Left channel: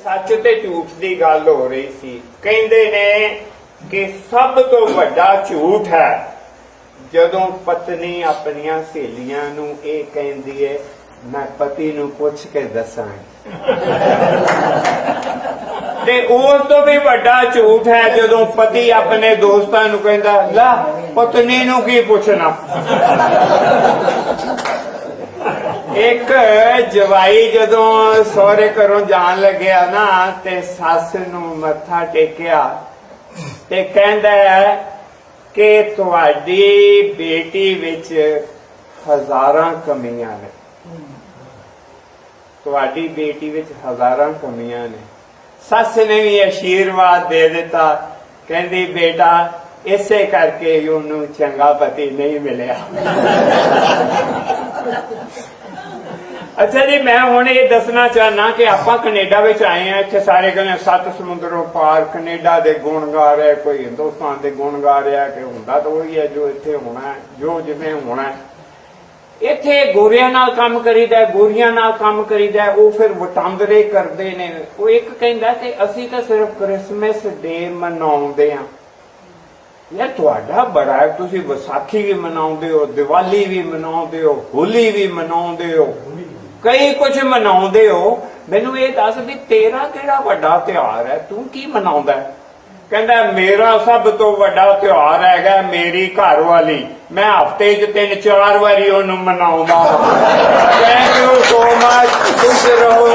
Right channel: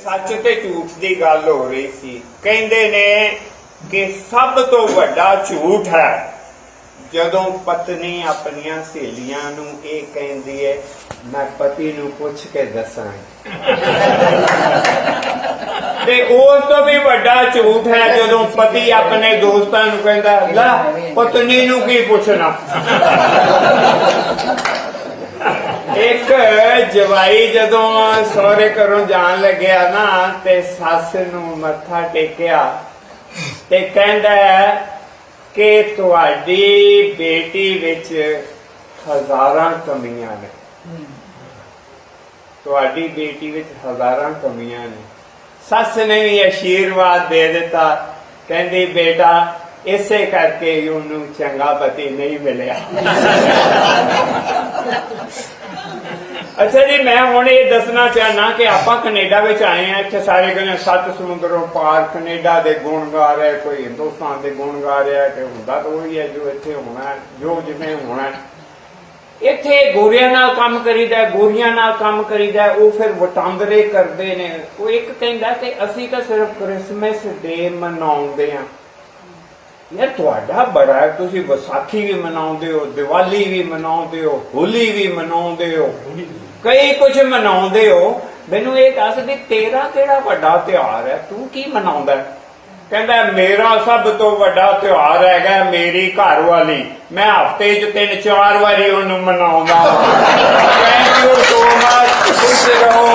सच ते झूठ की गल हो रही सी। कहंदे ने कि सब तो वड्डा झूठ है जदों पत्नी अपनियां सहेलियां नूं इह कहंदी है मैं पति नूं पुछ के दसां। ते उस तो भी वड्डा झूठ है जदों पति अपने दोस्तां नूं कहंदा ला पत्नी नूं की पुछना। एक जवाई जदों सहुरे घरों जान लग्या ना ते सस नूं मत्था टेकिया ते कहंदा है कि तुहाडी बेटी विच हज़ारां कमियां ने, तुहाडी बेटी विच हज़ारां कमियां ने। सस ने भी आशीर्वाद दे दिता, कहंदी बेटा इसे करके उन्होंने चंगा पति नहीं मिलिया। अच्छा जी, मैं हुण ये दसना चाहना कि आपां कनेडा विच आए हैं, इत्थे सारे कहने सत्त समुद्रों पार कनेडा दे गुण गा रहे, कोई हिंदुस्तान दे गुण गा रहा है, कि हुंदा तो वही है जो इत्थे होना है, जो जिवें होना है। इत्थे गोरियां नाल काम करीदा, गोरियां नाल काम करीदा, वो फिर वटांदरे करदे ने। वो एक कहंदा कि असीं तां सिर्फ क्रिसमस डे मनाउंदे हां। यार तुहाडा बड़ा है, तुसीं विसाखी भी मनाउंदे हो, दिवाली भी मनाउंदे हो, होली भी मनाउंदे हो, कई कुछ मनाउंदे हो। मैनूं ये दस भी तेरा किहड़ा वड्डा त्योहार है, तू की मनाउंदा है? कहंदा मेरा सब तो वड्डा त्योहार हैगा मेरी घर वाली, मैं हफ्ते च 3-4 बारी उहनूं मनाउंदा। Thank you so much. खुश रहो।